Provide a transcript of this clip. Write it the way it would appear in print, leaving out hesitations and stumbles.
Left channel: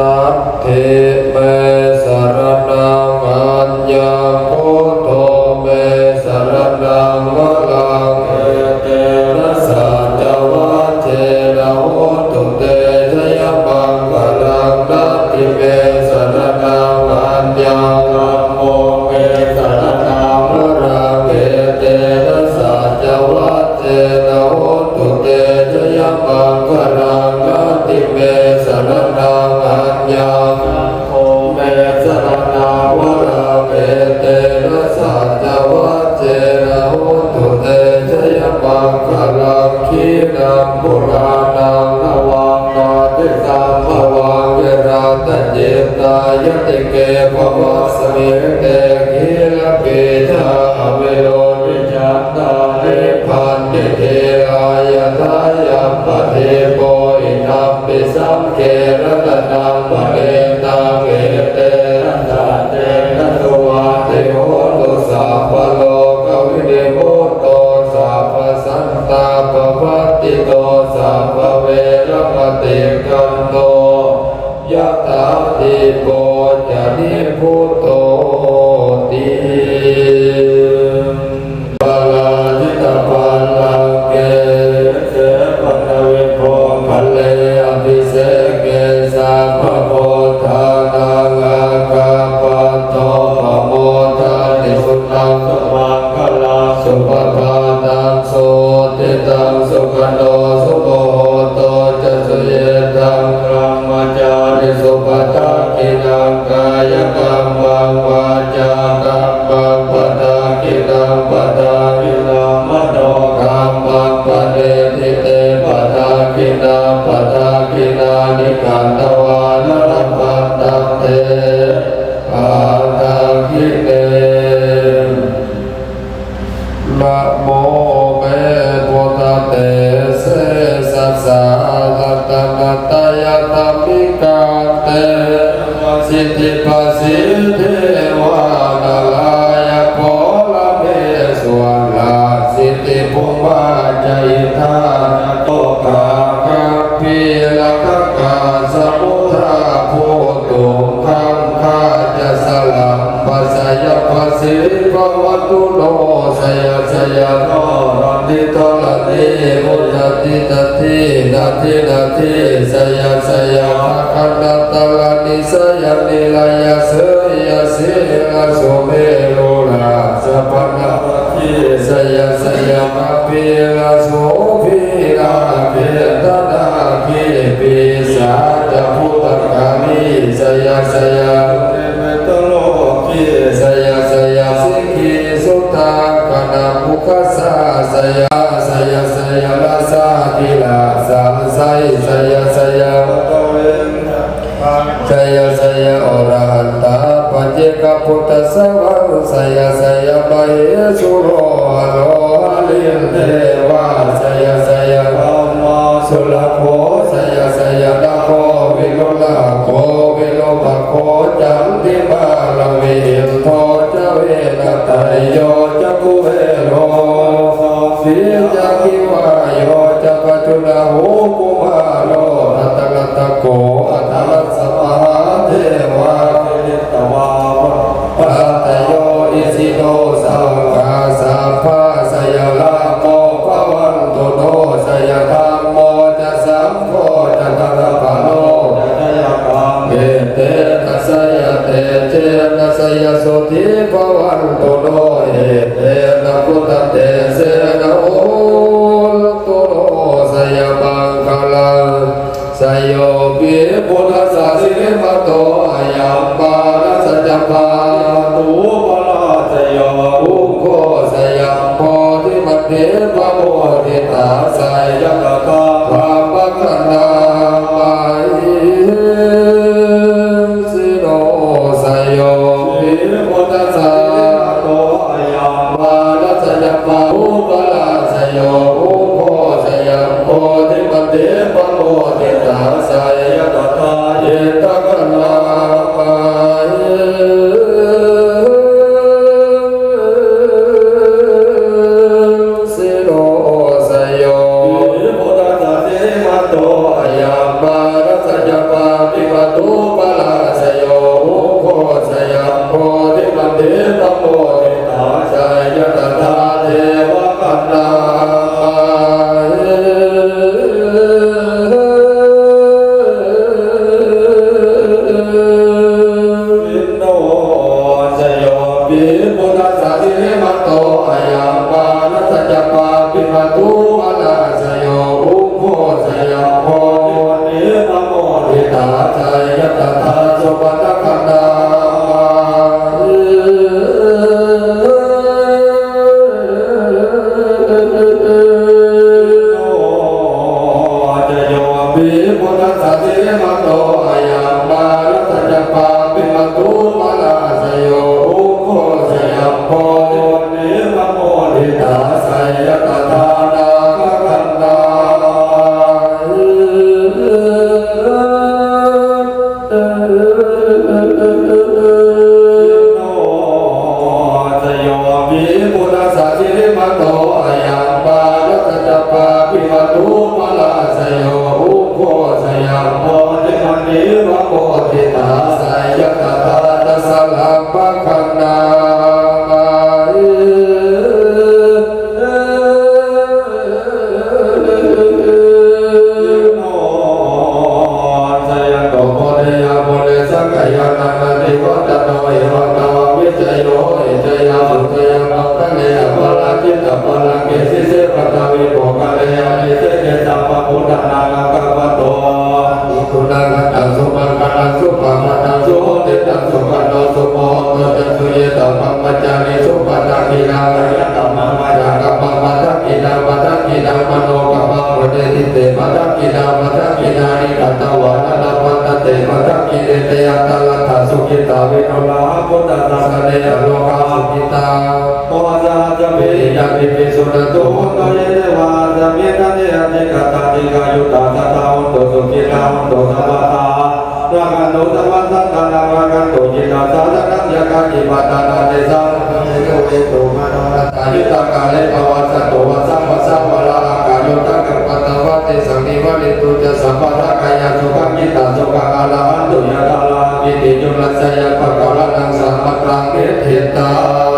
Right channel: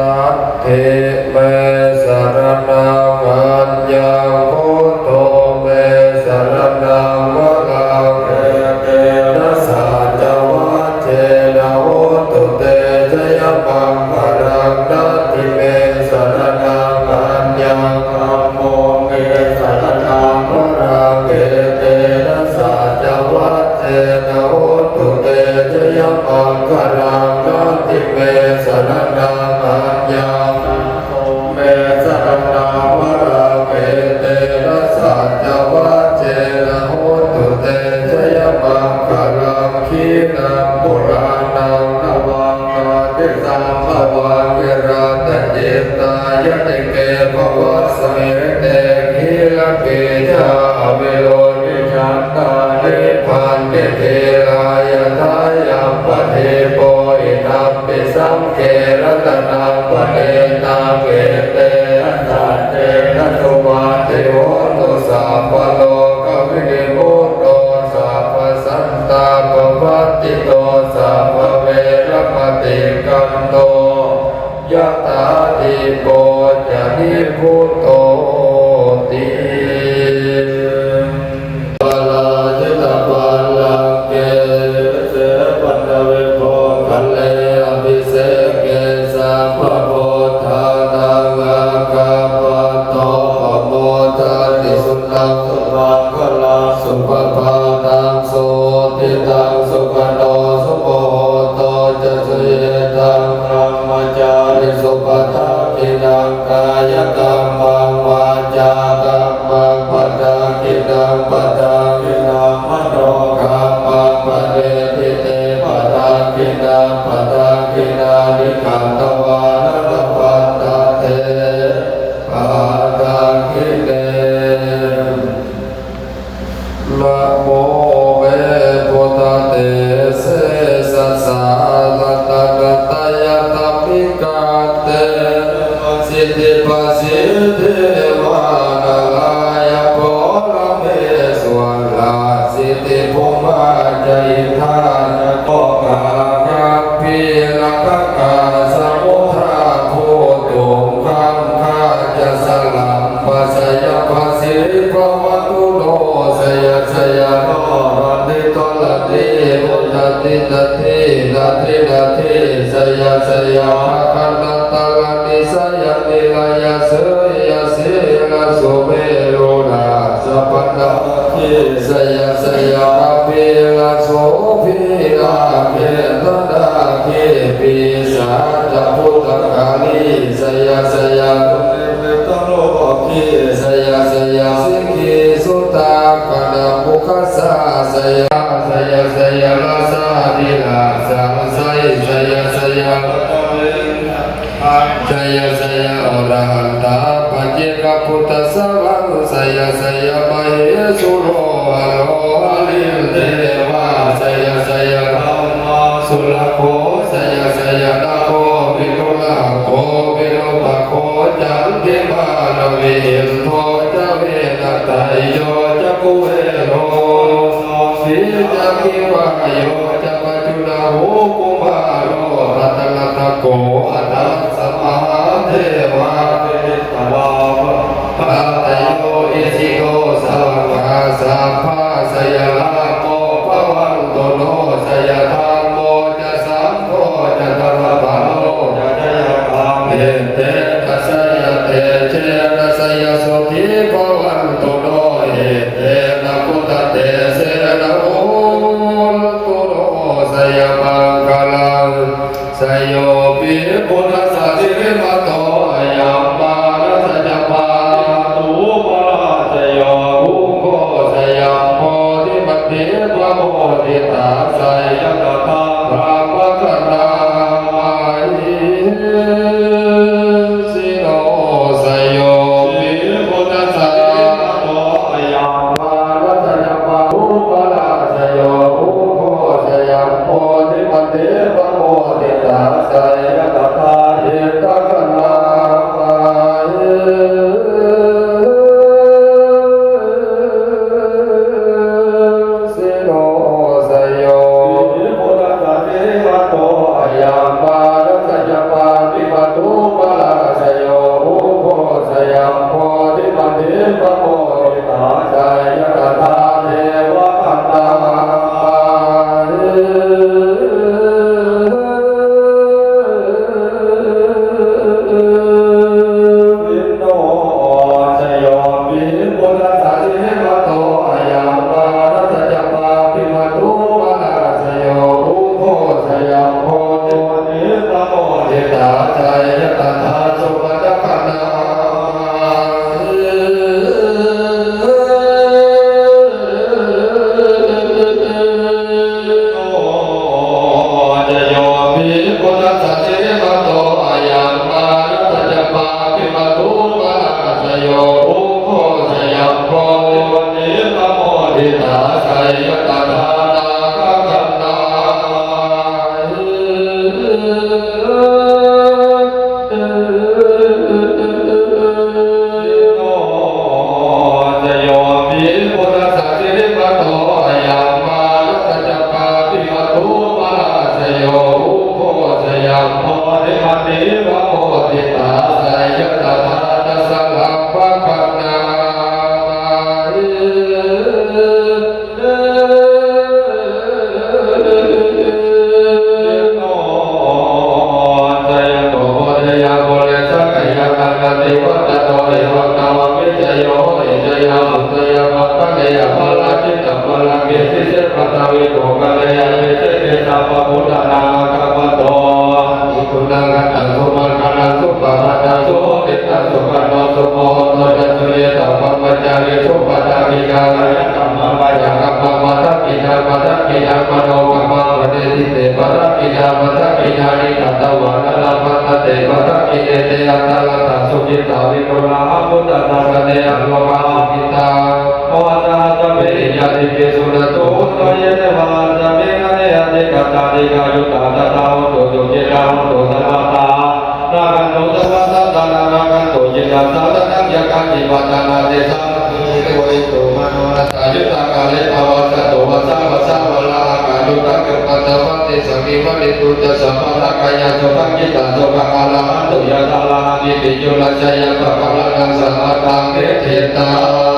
สัทเทเมสรณังอัญญังพุทโธเมสรณังวะลังเอเตนะสัจวัชเชนะโหตุเตชยมังคลังนัตถิเมสรณังอัญญังธัมโมเมสรณังวะลังเอเตนะสัจวัชเชนะโหตุเตชยมังคลังนัตถิเมสรณังอัญญังโอเมสรณังวะลังเอเตนะสัจวัชเชนะโหตุเตชยมังคลังขีนังปุรานังนวังนาติตังภวังวิราตเจตายติเกภวัสเมเตกิลเกจาเวโรนิจัตตานิพันเตเทรายทายัมปะเทโปอิทัมปิสัมเกรตนังปะเนตังเวเตนะสัจเจนะโตวาเทโหตุสัพพโลกวินิโมโตสัพพสันตาปวัตติโตสัพพเวรมติกันโตยะถาทิโกจะนิพุตโตติปาลาจิตปัลลังเกเสปัตเวโพคัลเลอภิเสเกสัพพโพธานังอาคาปะโตปะโมทานิสุนังสุมังคลังสุปปานังโสติตังสุขโนสุโมโตจะสุเยตังธรรมจาริสุปทักขินังกายกรรมังวาจากรรมังปทากินังปทากินังมโนกรรมังปเดทิเตปทากินังปทากินานิขันธวานุตปัตตเตปทากิเตนะโมเวปุตเตเสสัสสะตัตตะกัตตยะตัมปิกาเตสิทธิปัสสิทธิวานาลายะโพลเมสวะลาสิทธิภูมาจอิทานะโตกะกัปปิละกะกะสมุทราโพตุคัมคาจะสลัมปัสสยะปัสสิริภวัตุโนสยะสยะโนรันติโตละติมุตติตตินาทินาทิสยะสยะภะคะตะละนิสยะนิลายะเสยะสิลาโสเมโรลาสัพพะทิสยะสยะภะเปลาโสภิลาเปตนาเกปิสาจะพุทธกามิสยะสยะเมตโลกิสยะสยะสิกขิสุตตากนะภุคสาสยะสยะสยะลาสาติลาสังไสสยะสยะปะตเวสยะสยะอรหันตาปัจเจกพุทธสวรรค์สยะสยะมเหสุโรหะโลหะลิเทวาสยะสยะธัมมาสุลโภสยะสยะดาโภวิโลลาโภวิโลภโคจันติบาลเวหิโทจะเวกตายโยจะกุเวโรสิจะกิวายโยจะปัจจุลาหูกุมาโรอัตตะตะโกอัตตะสัมมาเทวาเทตวาปะตะโยอิสิโตสังฆาสัพพะสยะลาโมภวันตุโนสยะธัมโมจะสังโฆจะตระปะโนจะทยะปังเอเตนะสยะเตเจนะสยะสุทิภวันตุโนเอเตนะพุทธเตเสนะโอตุโนสยะมังคลังสยโยปิปุถะสัสสิมโตยัมปารัสจปาตุปะราชโยอุโคสยามโพธิมัตเถปะโมทิตาสยะตถาภาปะคะนามาหิสิโนสยโยปิปุถะสัสโตยัมปารัสจปาตุปะราชโยอุโคสยามโพธิมัตเถปะโมทิตาสยะตถาเยตคะนามาหิสิโนสยโย Saya pakala nang sama tangge kita